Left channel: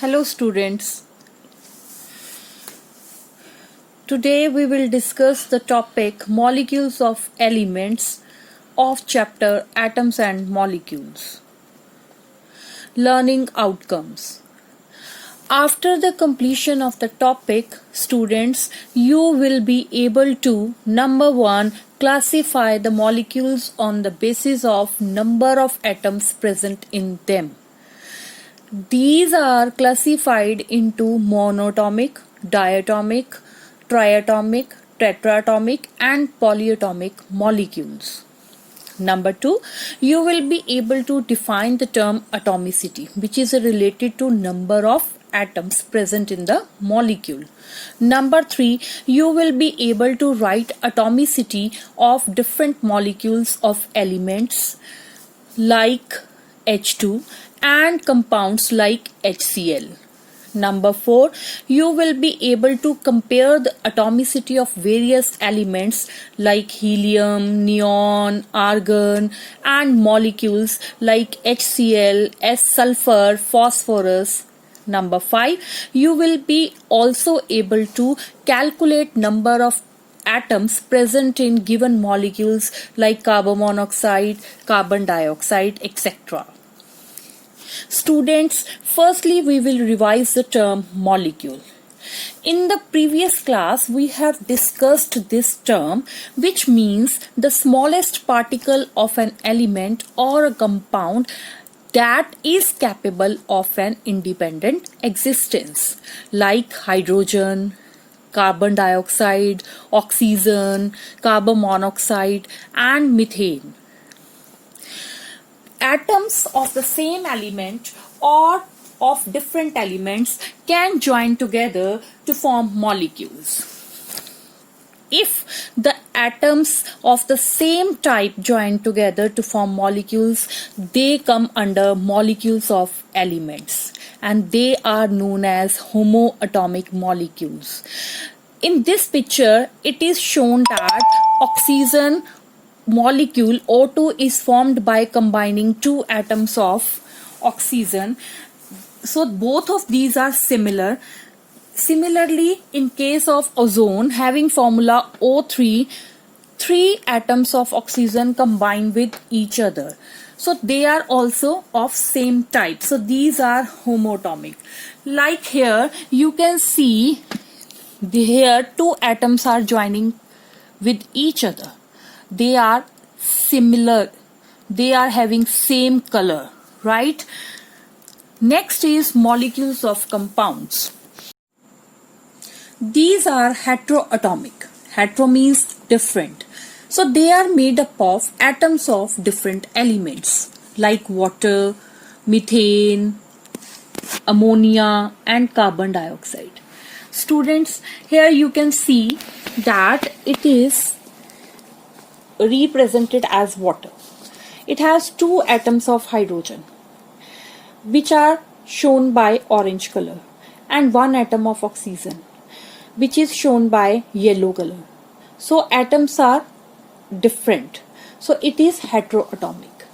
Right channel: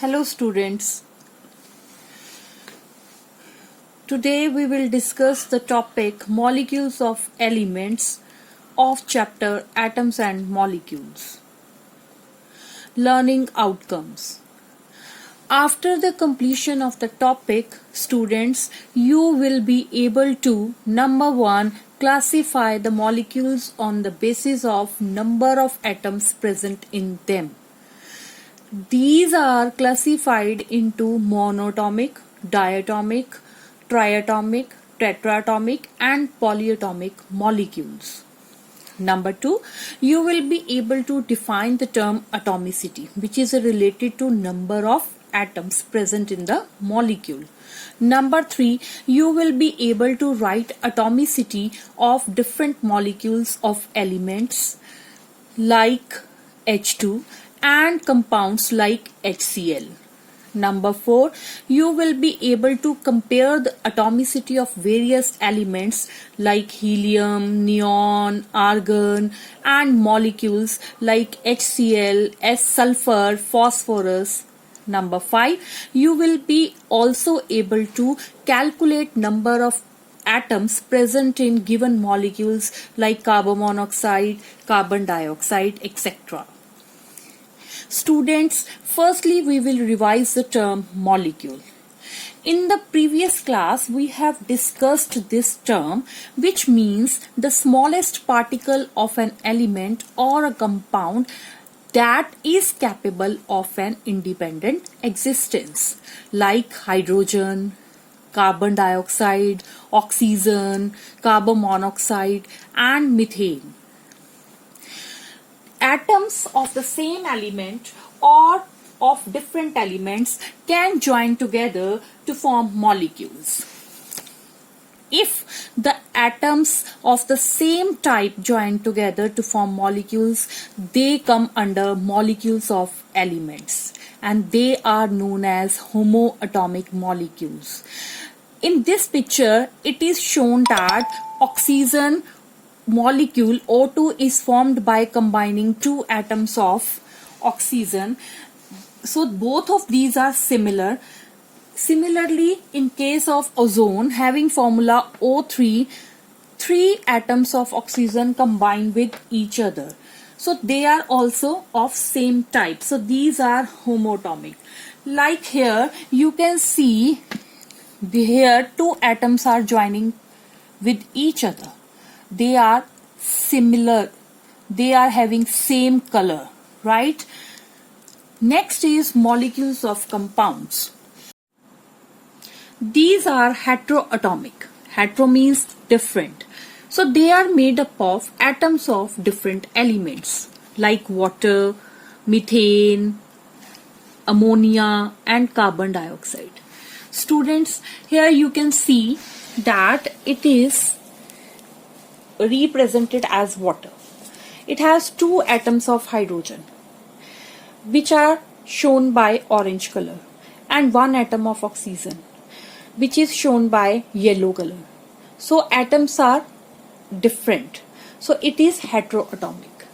Hello students. Today we will discuss the topic molecules of elements of chapter Atoms and Molecules. Learning outcomes. After the completion of the topic, students, you will be able to number 1 classify the molecules on the basis of number of atoms present in them. These are classified into monatomic, diatomic, triatomic, tetratomic and polyatomic molecules. Number 2, you will be able to define the term atomicity, which is related to number of atoms present in the molecule. Number 3, you will be able to write atomicity of different molecules of elements like H2 and compounds like HCl. Number 4, you will be able to compare the atomicity of various elements like helium, neon, argon and molecules like HCl, sulfur, phosphorus. Number 5, you will be also able to calculate number of atoms present in given molecules like carbon monoxide, carbon dioxide, etc. Students, firstly we will revise the term molecule. In the previous class we have discussed this term, which means the smallest particle of an element or a compound that is capable of an independent existence, like hydrogen, carbon dioxide, oxygen, carbon monoxide and methane. Atoms of the same element or of different elements can join together to form molecules. If the atoms of the same type join together to form molecules, they come under molecules of elements and they are known as homoatomic molecules. In this picture, it is shown that oxygen molecule O2 is formed by combining two atoms of oxygen. So both of these are similar. Similarly, in case of ozone, having formula O3, three atoms of oxygen combine with each other. So they are also of same type. So these are homoatomic. Like here, you can see here two atoms are joining with each other. They are similar. They are having same color, right? Next is molecules of compounds. These are heteroatomic. Hetero means different. So they are made up of atoms of different elements like water, methane, ammonia and carbon dioxide. Students, here you can see that it is represented as water. It has two atoms of hydrogen which are shown by orange color and one atom of oxygen which is shown by yellow color. So atoms are different. So it is heteroatomic.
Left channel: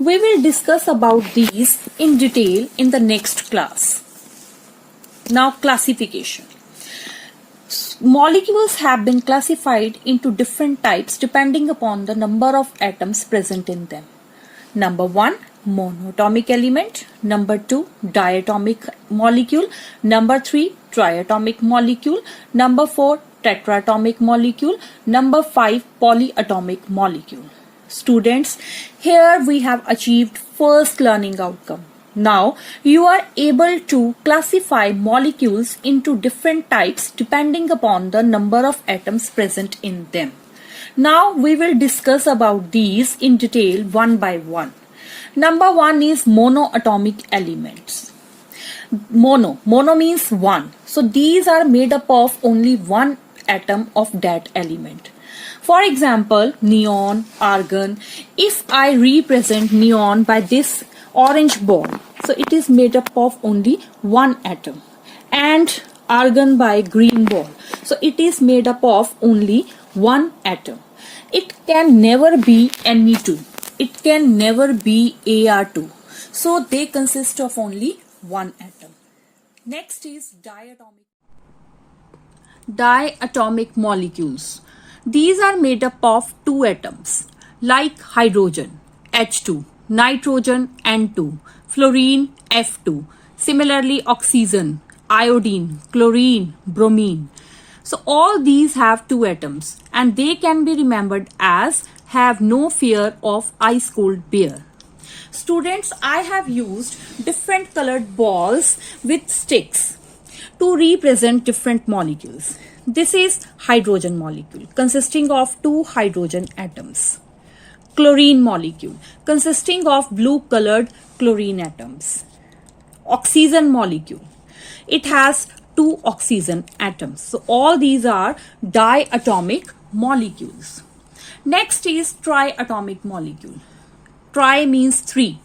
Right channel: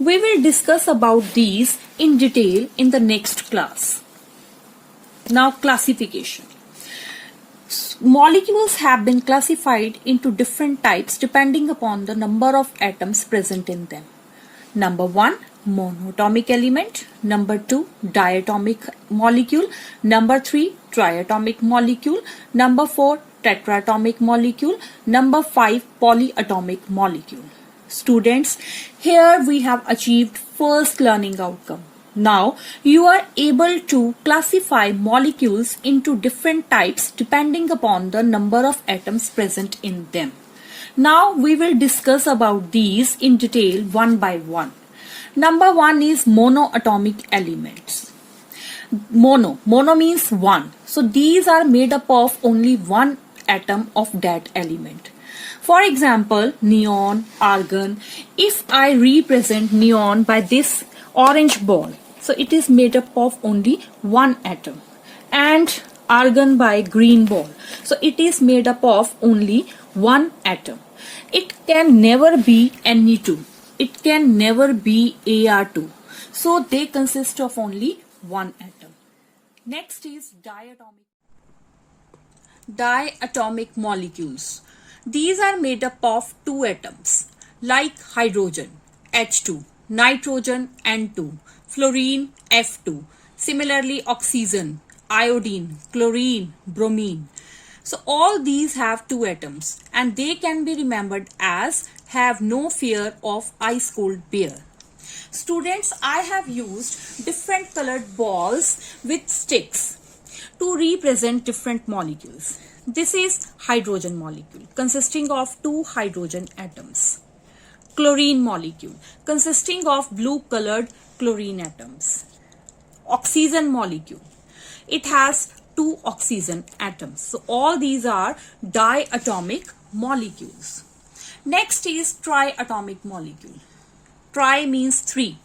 We will discuss about these in detail in the next class. Now classification. Molecules have been classified into different types depending upon the number of atoms present in them. Number 1, monatomic element. Number 2, diatomic molecule. Number 3, triatomic molecule. Number 4, tetratomic molecule. Number 5, polyatomic molecule. Students, here we have achieved first learning outcome. Now, you are able to classify molecules into different types depending upon the number of atoms present in them. Now, we will discuss about these in detail one by one. Number 1 is monoatomic elements. Mono means one. So, these are made up of only one atom of that element. For example, neon, argon. If I represent neon by this orange ball, so it is made up of only one atom, and argon by green ball, so it is made up of only one atom. It can never be Ne2, it can never be Ar2, so they consist of only one atom. Next is diatomic molecules. These are made up of two atoms like hydrogen H2, nitrogen N2, fluorine F2, similarly oxygen, iodine, chlorine, bromine. So all these have two atoms and they can be remembered as have no fear of ice cold bear. Students, I have used different colored balls with sticks to represent different molecules. This is hydrogen molecule consisting of two hydrogen atoms. Chlorine molecule consisting of blue colored chlorine atoms. Oxygen molecule. It has two oxygen atoms. So all these are diatomic molecules. Next is triatomic molecule. Tri means three.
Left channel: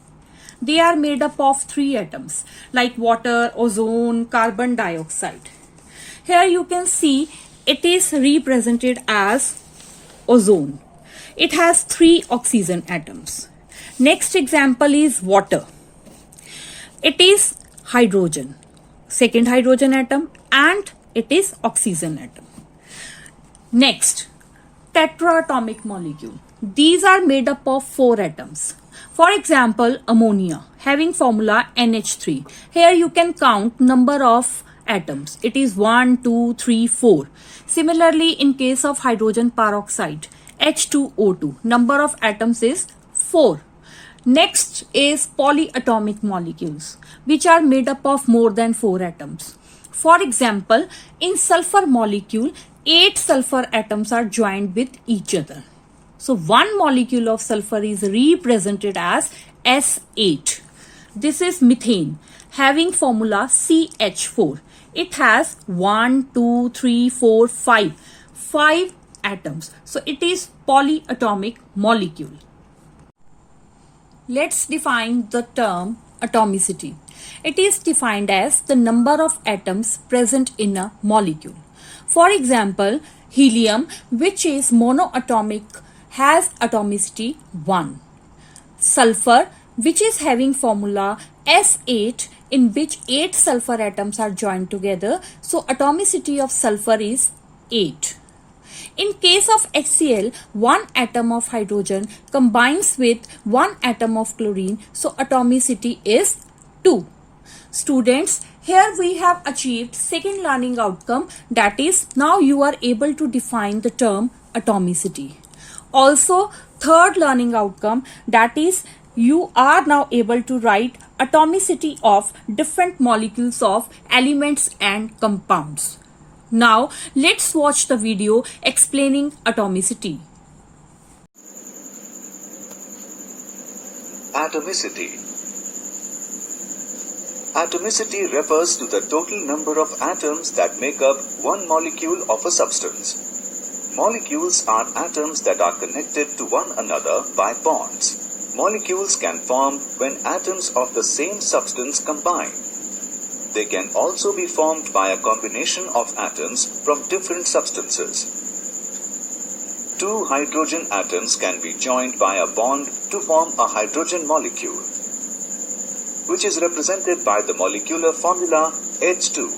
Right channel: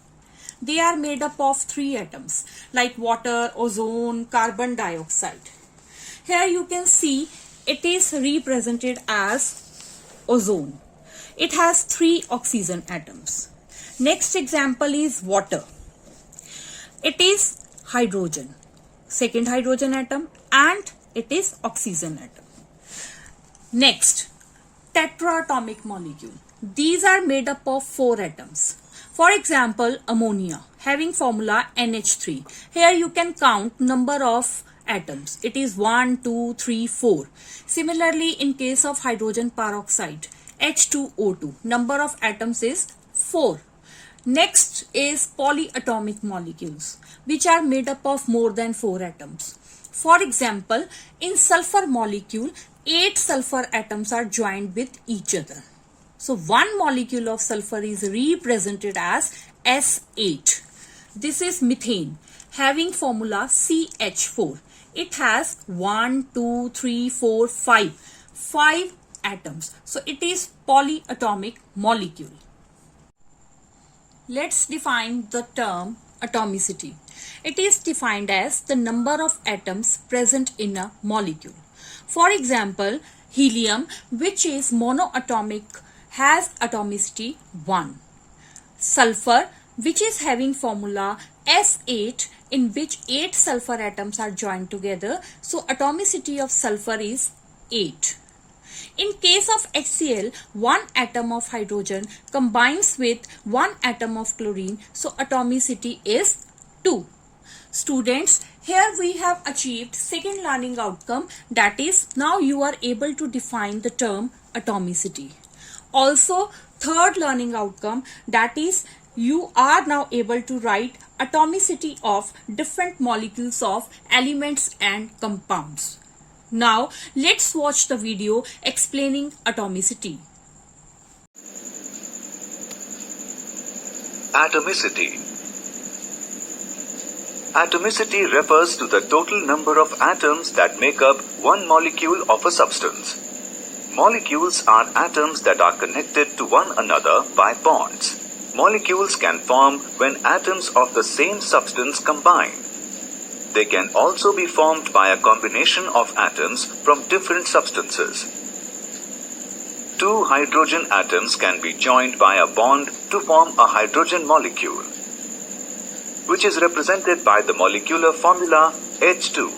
They are made up of three atoms like water, ozone, carbon dioxide. Here you can see it is represented as ozone. It has three oxygen atoms. Next example is water. It is hydrogen, second hydrogen atom, and it is oxygen atom. Next, tetraatomic molecule. These are made up of four atoms. For example, ammonia having formula NH3. Here you can count number of atoms. It is 1, 2, 3, 4. Similarly, in case of hydrogen peroxide, H2O2, number of atoms is 4. Next is polyatomic molecules, which are made up of more than 4 atoms. For example, in sulfur molecule, 8 sulfur atoms are joined with each other. So one molecule of sulfur is represented as S8. This is methane having formula CH4. It has 1, 2, 3, 4, 5. 5 atoms. So it is polyatomic molecule. Let's define the term atomicity. It is defined as the number of atoms present in a molecule. For example, helium, which is monoatomic, has atomicity 1. Sulfur, which is having formula S8, in which 8 sulfur atoms are joined together, so atomicity of sulfur is 8. In case of HCl, one atom of hydrogen combines with one atom of chlorine, so atomicity is 2. Students, here we have achieved second learning outcome, that is, now you are able to define the term atomicity. Also, third learning outcome, that is, you are now able to write atomicity of different molecules of elements and compounds. Now, let's watch the video explaining atomicity. Atomicity. Atomicity refers to the total number of atoms that make up one molecule of a substance. Molecules are atoms that are connected to one another by bonds. Molecules can form when atoms of the same substance combine. They can also be formed by a combination of atoms from different substances. Two hydrogen atoms can be joined by a bond to form a hydrogen molecule, which is represented by the molecular formula H2.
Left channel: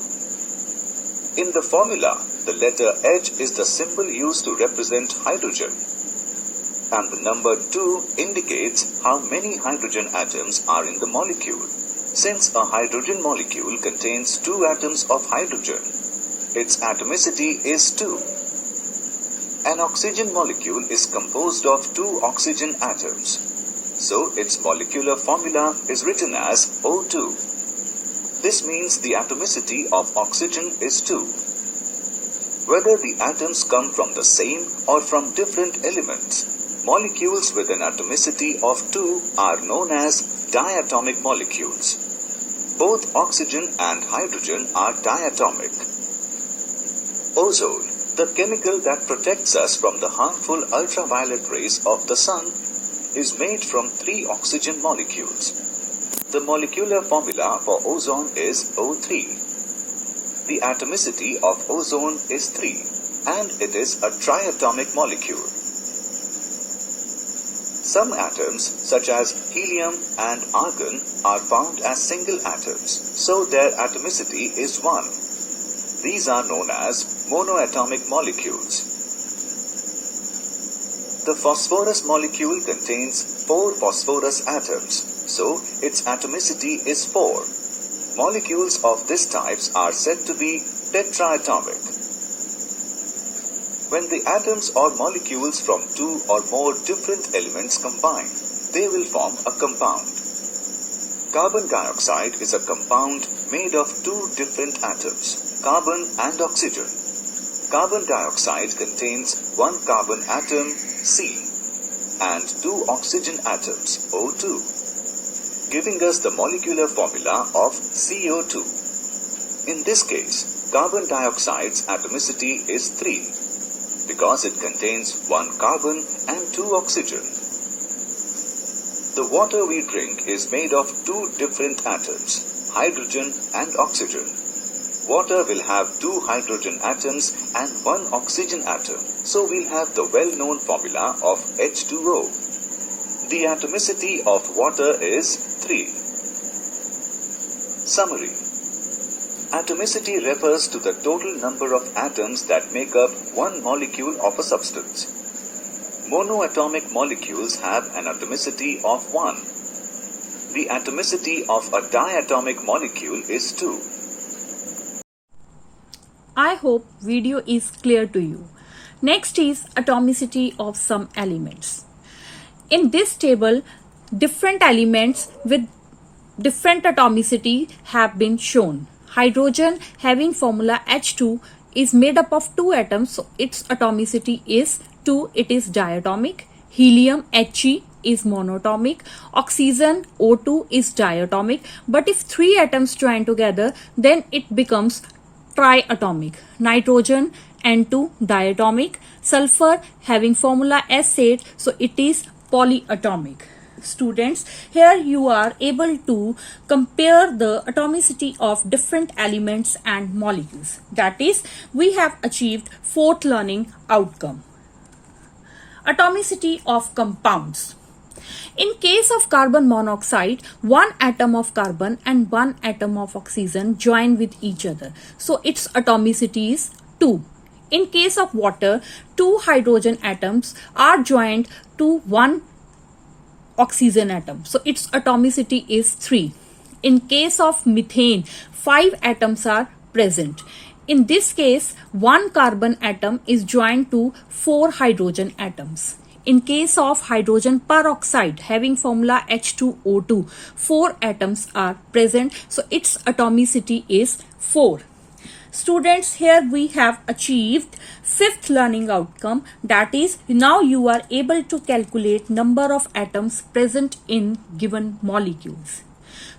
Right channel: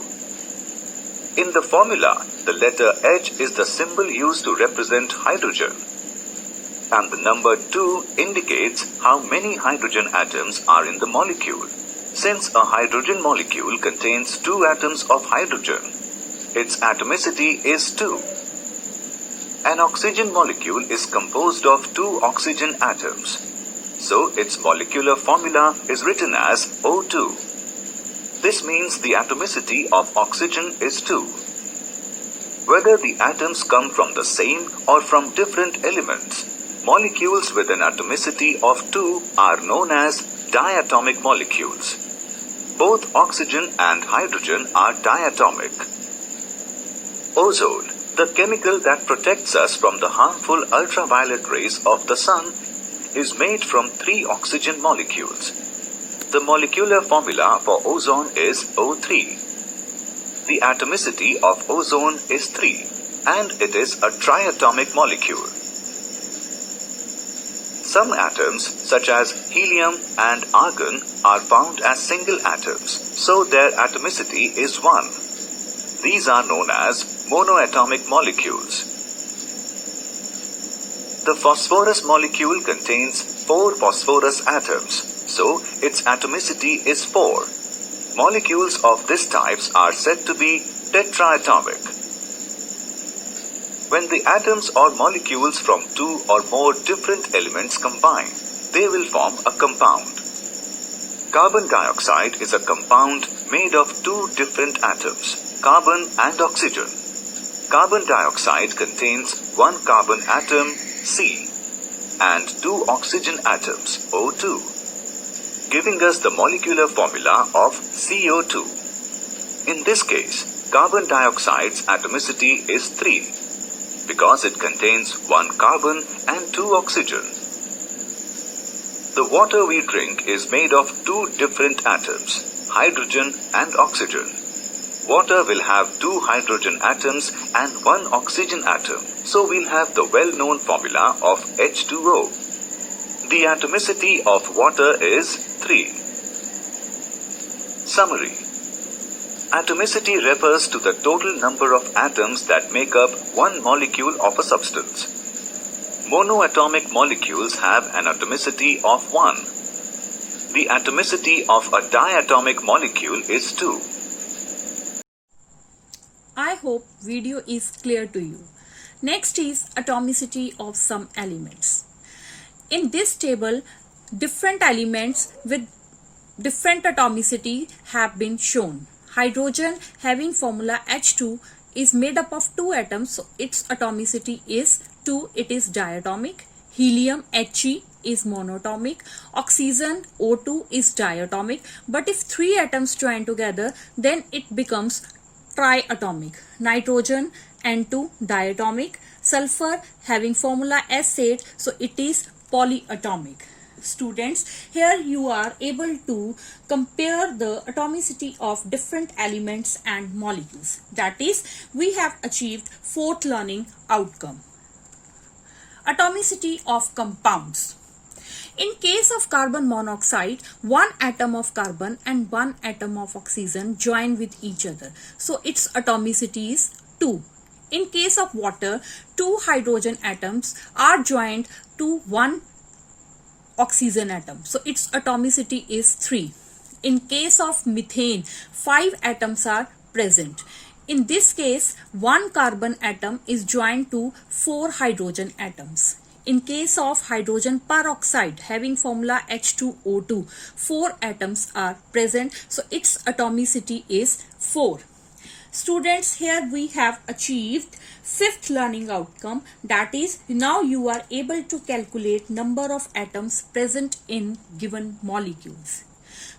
In the formula, the letter H is the symbol used to represent hydrogen, and the number 2 indicates how many hydrogen atoms are in the molecule. Since a hydrogen molecule contains 2 atoms of hydrogen, its atomicity is 2. An oxygen molecule is composed of 2 oxygen atoms, so its molecular formula is written as O2. This means the atomicity of oxygen is 2. Whether the atoms come from the same or from different elements, molecules with an atomicity of 2 are known as diatomic molecules. Both oxygen and hydrogen are diatomic. Ozone, the chemical that protects us from the harmful ultraviolet rays of the sun, is made from 3 oxygen molecules. The molecular formula for ozone is O3. The atomicity of ozone is 3, and it is a triatomic molecule. Some atoms, such as helium and argon, are found as single atoms, so their atomicity is 1. These are known as monoatomic molecules. The phosphorus molecule contains 4 phosphorus atoms, so its atomicity is 4. Molecules of this type are said to be tetraatomic. When the atoms or molecules from 2 or more different elements combine, they will form a compound. Carbon dioxide is a compound made of 2 different atoms, carbon and oxygen. Carbon dioxide contains 1 carbon atom, C, and 2 oxygen atoms, O2, giving us the molecular formula of CO2. In this case, carbon dioxide's atomicity is 3, because it contains 1 carbon and 2 oxygen. The water we drink is made of 2 different atoms, hydrogen and oxygen. Water will have 2 hydrogen atoms and 1 oxygen atom, so we'll have the well-known formula of H2O. The atomicity of water is 3. Summary. Atomicity refers to the total number of atoms that make up one molecule of a substance. Monoatomic molecules have an atomicity of 1. The atomicity of a diatomic molecule is 2. I hope video is clear to you. Next is atomicity of some elements. In this table, different elements with different atomicity have been shown. Hydrogen, having formula H2, is made up of 2 atoms, so its atomicity is 2, it is diatomic. Helium, He, is monatomic. Oxygen, O2, is diatomic. But if 3 atoms join together, then it becomes triatomic. Nitrogen, N2, diatomic. Sulfur, having formula S8, so it is polyatomic. Students, here you are able to compare the atomicity of different elements and molecules. That is, we have achieved 4th learning outcome. Atomicity of compounds. In case of carbon monoxide, 1 atom of carbon and 1 atom of oxygen join with each other. So its atomicity is 2. In case of water, 2 hydrogen atoms are joined to 1 oxygen atom. So its atomicity is 3. In case of methane, 5 atoms are present. In this case, 1 carbon atom is joined to 4 hydrogen atoms. In case of hydrogen peroxide, having formula H2O2, 4 atoms are present. So its atomicity is 4. Students, here we have achieved 5th learning outcome, that is, now you are able to calculate number of atoms present in given molecules.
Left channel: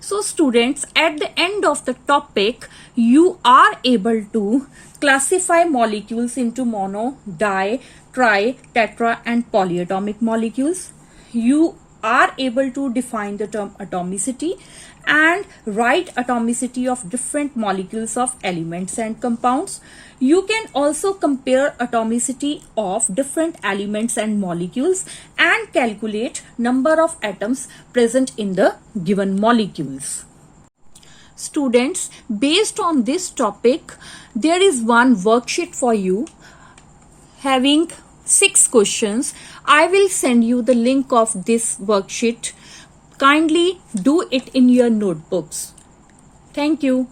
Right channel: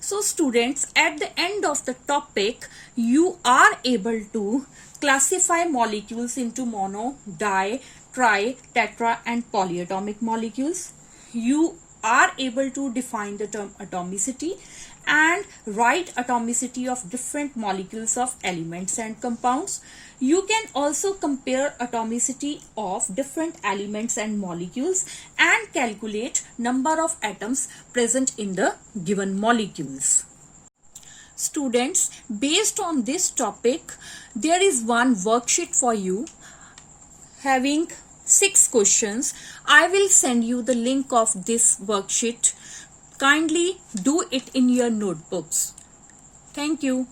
So students, at the end of the topic, you are able to classify molecules into mono, di, tri, tetra and polyatomic molecules. You are able to define the term atomicity and write atomicity of different molecules of elements and compounds. You can also compare atomicity of different elements and molecules and calculate number of atoms present in the given molecules. Students, based on this topic, there is one worksheet for you having 6 questions. I will send you the link of this worksheet. Kindly do it in your notebooks. Thank you.